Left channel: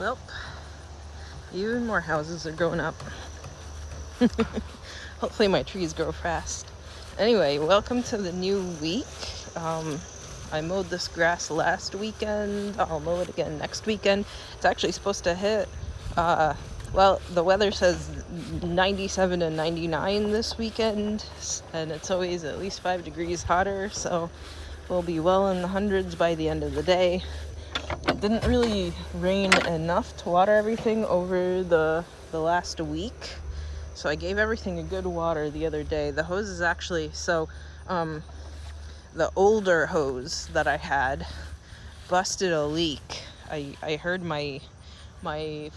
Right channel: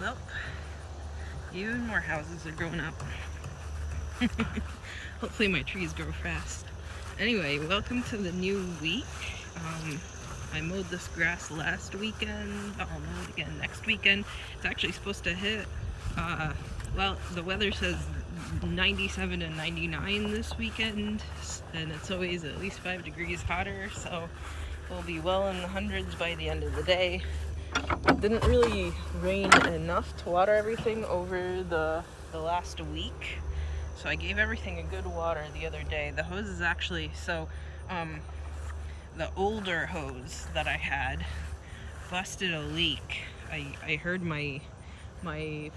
Well, even more houses are going up. Hopefully my trees grow fast. Anyway, welcome to the new week. I mowed this grass last weekend. I'll mow it again next weekend. It's actually supposed to hit, well, the weather says 97 and 99 this weekend, and it's always at least 5 degrees hotter, so we'll be well in the hundreds by the end of the day. It didn't really rain enough to water everything over the last week, so I gave everything a good water the other day. The hose is actually, the older hose that I had busted a leak. I heard my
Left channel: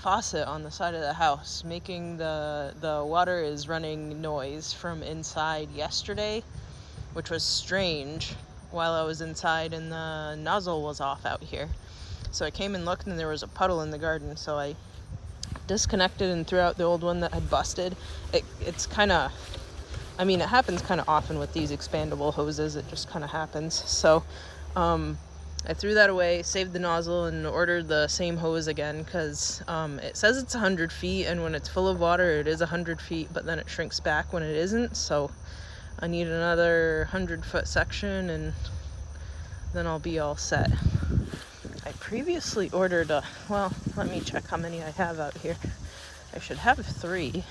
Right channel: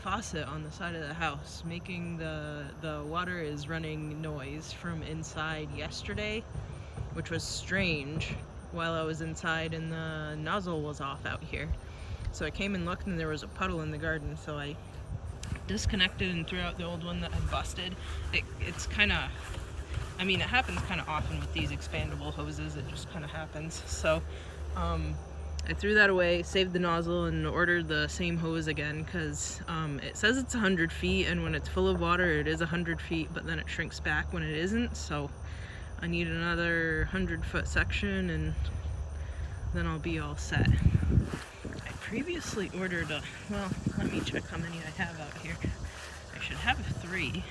faucet on the side of the house making the water is running noise from inside yesterday, which was strange while I was inside and the nozzle was off out here. So I came and looked and there was a puddle in the garden, so I disconnected and threw out the old one that had busted. It's kind of, I mean, it happens kind of often with these expandable hoses. It just kind of happens. So I threw that away, saved the nozzle, and ordered the same hose again because it says it's 100 feet, and when it's full of water it is 100 feet, but then it shrinks back when it isn't. So I need another 100-foot section and then I'll be all set. I previously ordered well, let me check how many I have out here. I should have 3.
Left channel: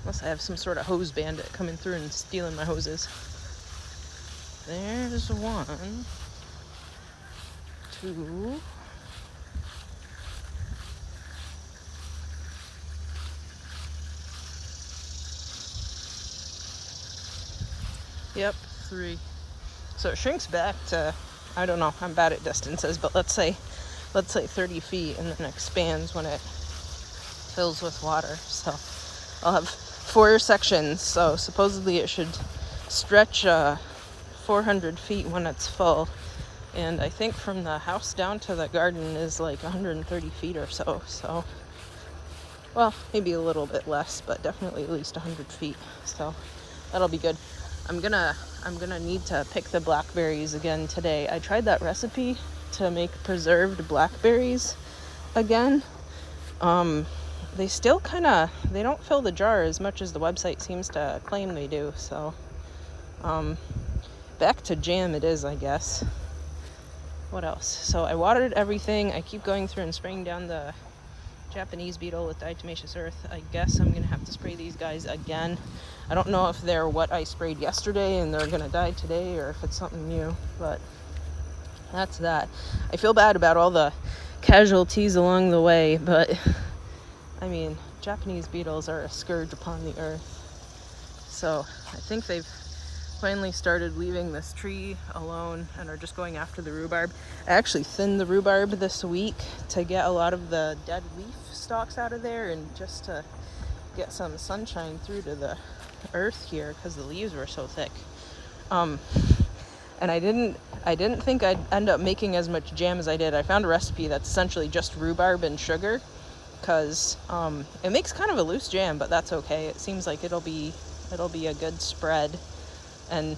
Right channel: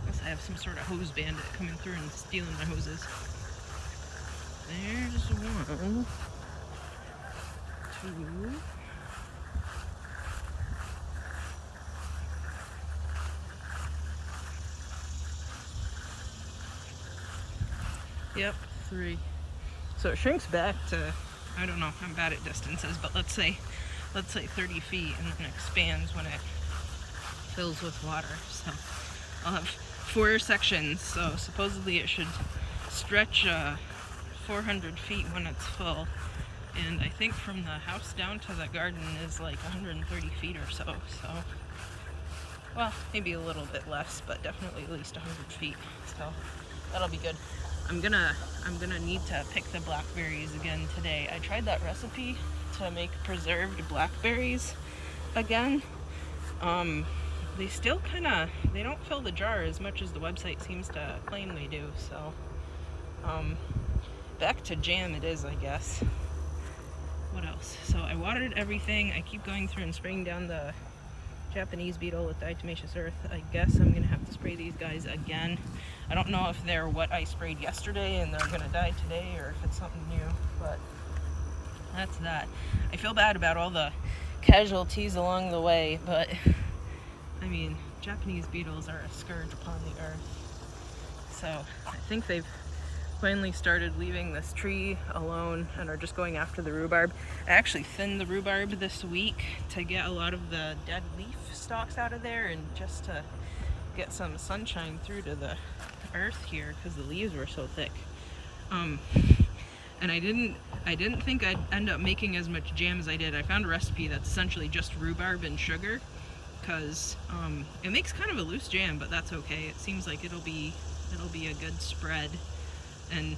Unless I have some sort of hose bandit coming through and stealing my hoses. There's 1, 2, yep, 3. So it shrinks back to, I don't know, I'm bad at distances, but let's say 30 feet, and then expands when it fills with water. So I'll have 4 sections, so supposedly it should stretch 400 feet when it's full, and I think from the house down to the garden is like 130 feet or so. So, well, maybe a little bit less, but definitely at least 100 feet. So that'll be good. I'm gonna need to pick the blackberries again today. I tried that recipe to make preserved blackberries again. They still they don't fill the jar as much as the website seems to claim they do. So back to jam it is, I guess. What else? So I watered everything. I keep going through and spraying down the Japanese beetle with diatomaceous earth. I guess I'm gonna have to spray these guys again. I don't know if they're what I sprayed yesterday and they're gonna die today, or if it's something new, but that's that. I feel bad about all the casualties along the way, but I mean, Japanese beetles are a scourge upon the earth. So I think they've finally started leaving this tree alone and are just going after the rhubarb. I actually thinned the rhubarb this week to get a lot of the dead leaf stalks out of there, and just to get some sunshine through to the earth here because the leaves were so thick. And I didn't think I'd end up making as much jam as I did. I found a recipe that's essentially just rhubarb and sugar, because it makes kind of a loose jam, but that's okay. It seems like it'll be a good spread. And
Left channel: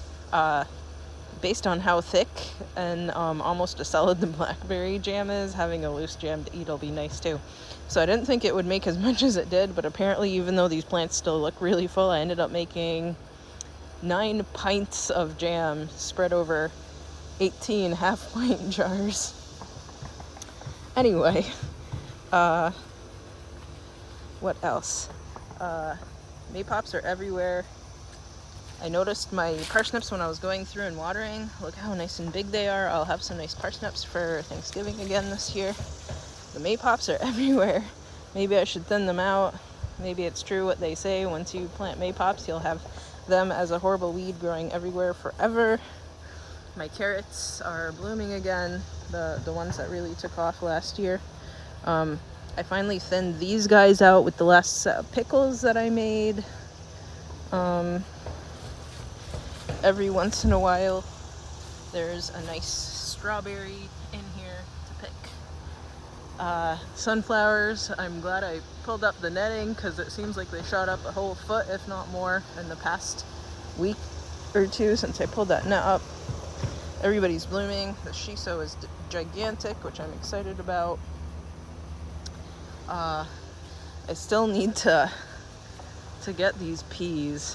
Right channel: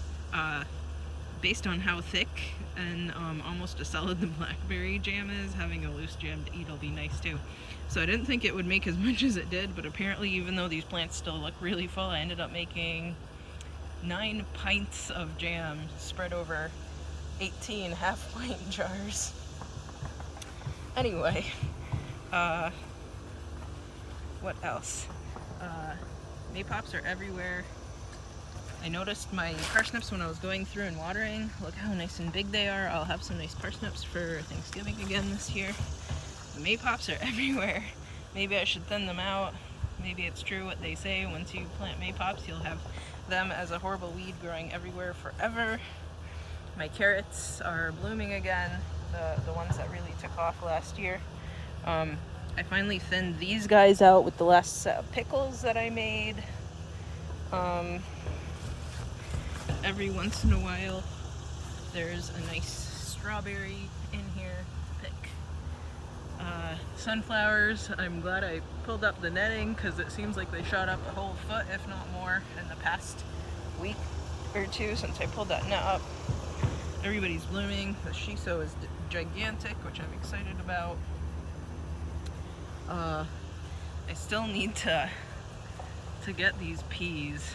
based on how thick and almost a solid the blackberry jam is, having a loose jam to eat will be nice too. So I didn't think it would make as much as it did, but apparently, even though these plants still look really full, I ended up making 9 pints of jam spread over 18 half-pint jars. Anyway, what else? Maypops are everywhere. I noticed my parsnips when I was going through and watering. Look how nice and big they are. I'll have some nice parsnips for Thanksgiving again this year. The maypops are everywhere. Maybe I should thin them out. Maybe it's true what they say. Once you plant maypops, you'll have them as a horrible weed growing everywhere forever. My carrots are blooming again, the ones that really took off last year. I finally thinned these guys out with the last set of pickles that I made. Every once in a while there's a nice strawberry in here to pick. Sunflowers, I'm glad I pulled up the netting because it seems like they shot up a whole foot, if not more, in the past week or 2 since I pulled that net up. everybody's blooming. The shiso is gigantic, which I'm excited about. I still need to get these peas.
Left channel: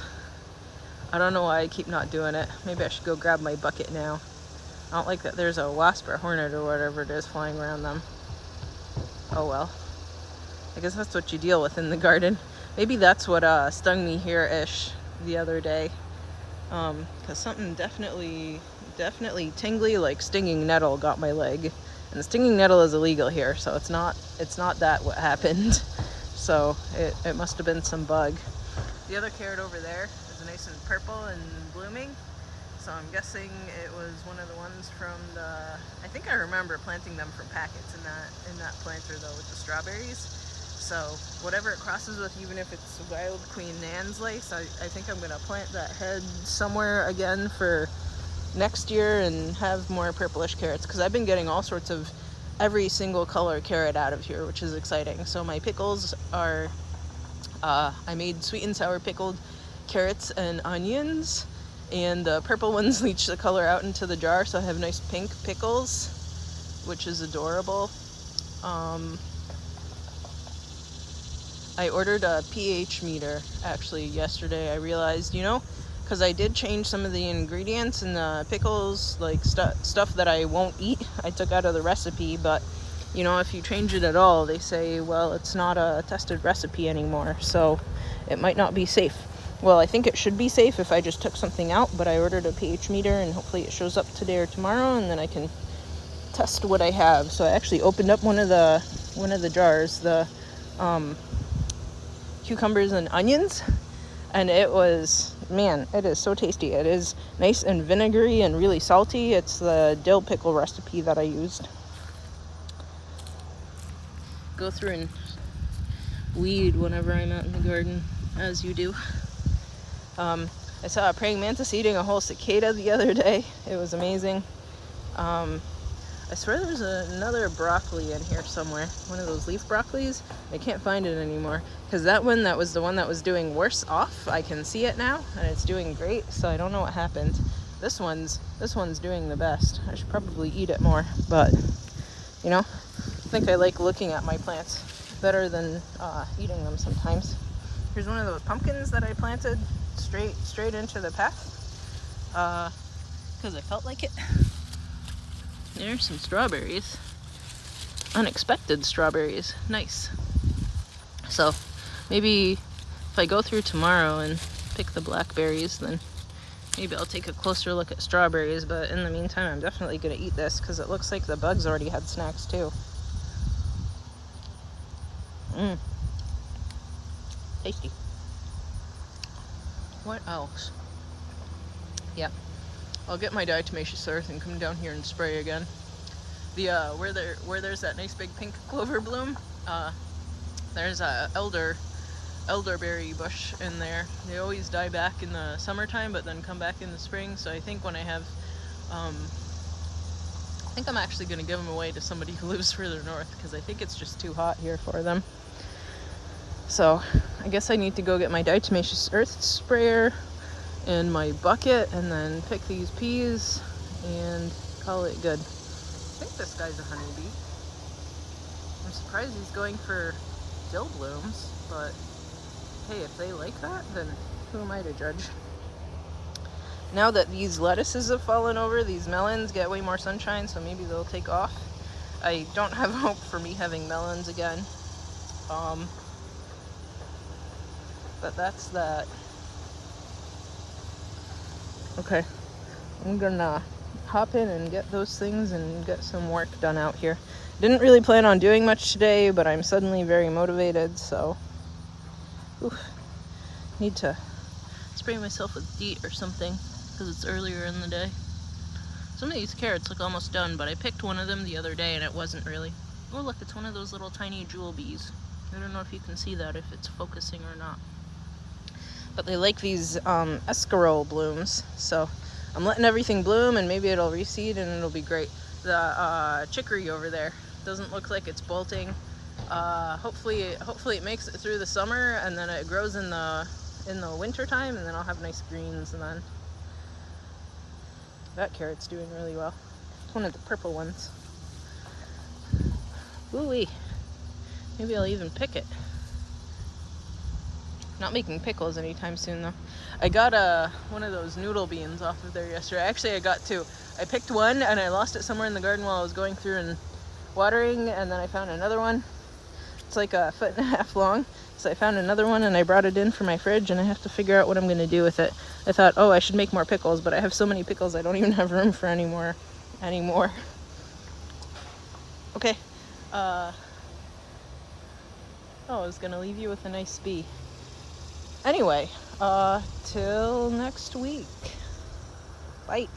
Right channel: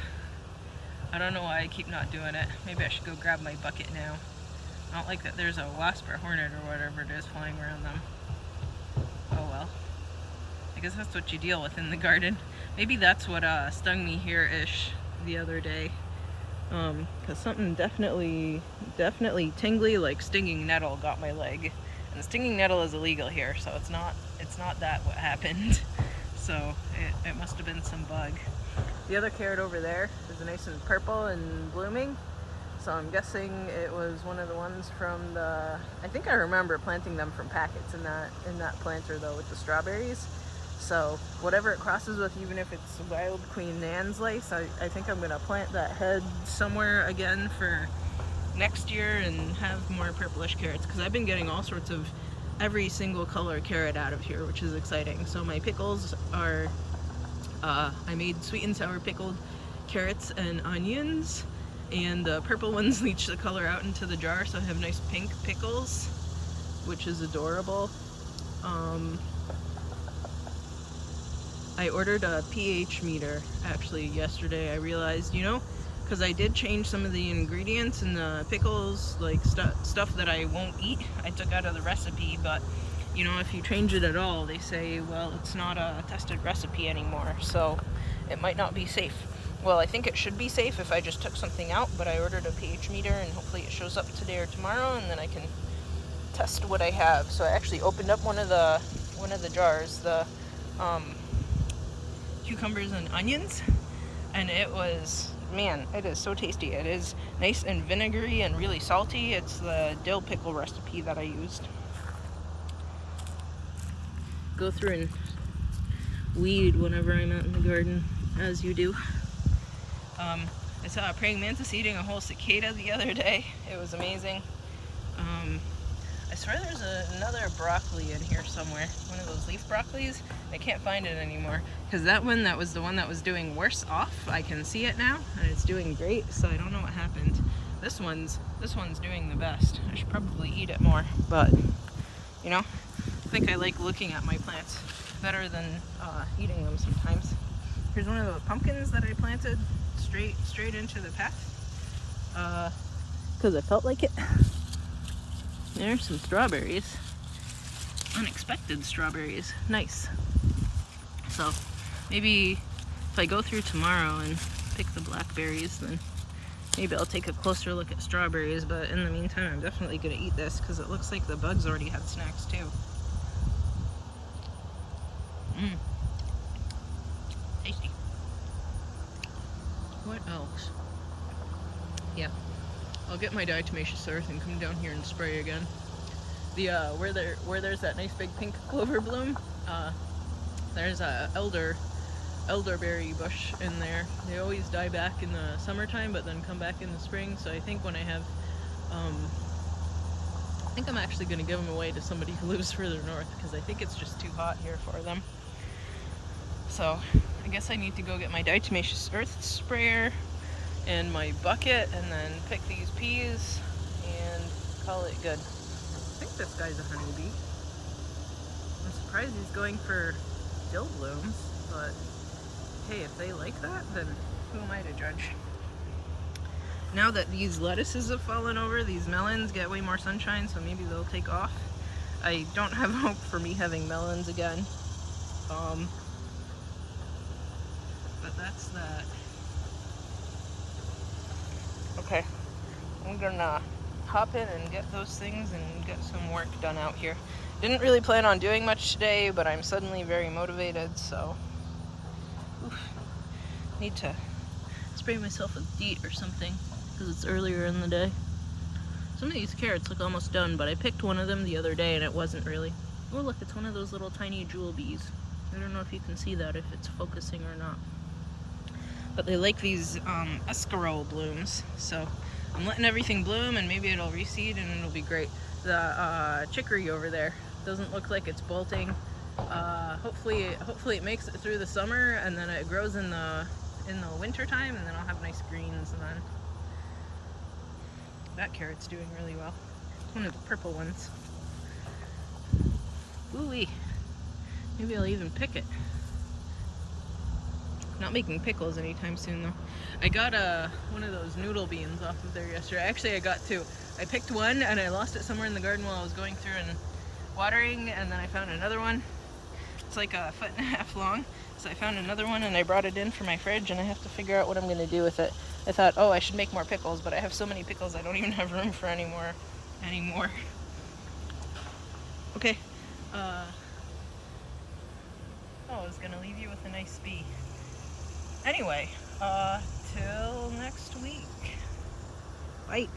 I don't know why I keep not doing it. Maybe I should go grab my bucket now. I don't like that there's a wasp or hornet or whatever it is flying around them. Oh well. I guess that's what you deal with in the garden. Maybe that's what stung me here-ish the other day. Because something definitely tingly, like stinging nettle, got my leg. And the stinging nettle is illegal here, so it's not that what happened. So it must have been some bug. The other carrot over there is nice and purple and blooming. So I'm guessing it was one of the ones from the, I think I remember planting them from packets in that planter though with the strawberries. So whatever it crosses with, even if it's Wild Queen Nan's lace, I think I'm gonna plant that head somewhere again for next year and have more purplish carrots, because I've been getting all sorts of every single color carrot out of here, which is exciting. So my pickles are, I made sweet and sour pickled carrots and onions, and the purple ones leach the color out into the jar, so I have nice pink pickles, which is adorable. I ordered a pH meter actually yesterday. I realized, you know, because I did change some of the ingredients in the pickles, like stuff that I won't eat, I took out of the recipe, but you know, if you change it at all, they say, well, it's not a tested recipe anymore, so it might not be safe. Well, I think it should be safe if I just took something out, but I ordered a pH meter and hopefully it shows up today or tomorrow, and then I can test what I have. So I actually opened up one of the jars, the cucumbers and onions, and it was, man, it is so tasty. It is nice and vinegary and really salty. It's the dill pickle recipe that I used. Go through and weed whenever I'm out in the garden, as you do. I saw a praying mantis eating a whole cicada the other day. It was amazing. I swear there's another broccoli in here somewhere. One of those leaf broccolis. I can't find it anymore. Because that one, that was the one that was doing worse off. I can see it now, and it's doing great, so I don't know what happened. This one's doing the best. I should probably eat it more, but, you know, I think I like looking at my plants better than eating them sometimes. Here's one of those pumpkins that I planted straight into the path. Because I felt like it. There's some strawberries. Unexpected strawberries. Nice. So maybe if I go through tomorrow and pick the blackberries, then maybe I'll take a closer look at strawberries. But in the meantime, I'm definitely going to eat this because it looks like the bugs already had snacks too. Tasty. What else? Yeah. I'll get my diatomaceous earth and come down here and spray again. The where there's that nice big pink clover bloom, there's a elderberry bush in there. They always die back in the summertime, but then come back in the spring. So I think when I have, I think I'm actually going to give them away to somebody who lives further north, because I think it's just too hot here for them. So I guess I need to go get my diatomaceous earth sprayer in my bucket and then pick these peas and call it good. I think this guy's a honeybee. I'm surprised he's going for dill blooms, but hey, if they like that, then who am I to judge? Now that these lettuces have fallen over, these melons get way more sunshine, so maybe they'll take off. I don't have hope for me having melons again. But that's that. Okay, I'm gonna hop in and get those things and get some work done out here. Didn't really plan on doing much today, but I'm suddenly very motivated, so need to spray myself with DEET or something because it's earlier in the day. Some of these carrots look almost done, but I picked one of them the other day and it wasn't really. Oh look, it's one of those little tiny jewel bees. I don't know if you can see that, if it's focusing or not. But they like these escarole blooms, so I'm letting everything bloom and maybe it'll reseed and it'll be great. The chicory over there doesn't look like it's bolting. Hopefully it makes it through the summer and then it grows in the winter time, and then I'll have nice greens. And then That carrot's doing really well. It's one of the purple ones. Ooh-wee. Maybe I'll even pick it. Not making pickles anytime soon though. I got one of those noodle beans off of there yesterday. Actually, I got two. I picked one and I lost it somewhere in the garden while I was going through and watering, and then I found another one. It's like 1.5 feet long. So I found another one and I brought it in for my fridge, and I have to figure out what I'm going to do with it. I thought, oh, I should make more pickles, but I have so many pickles I don't even have room for any more anymore. Okay. Oh, I was going to leave you with a nice bee. Anyway, till next week. Bye.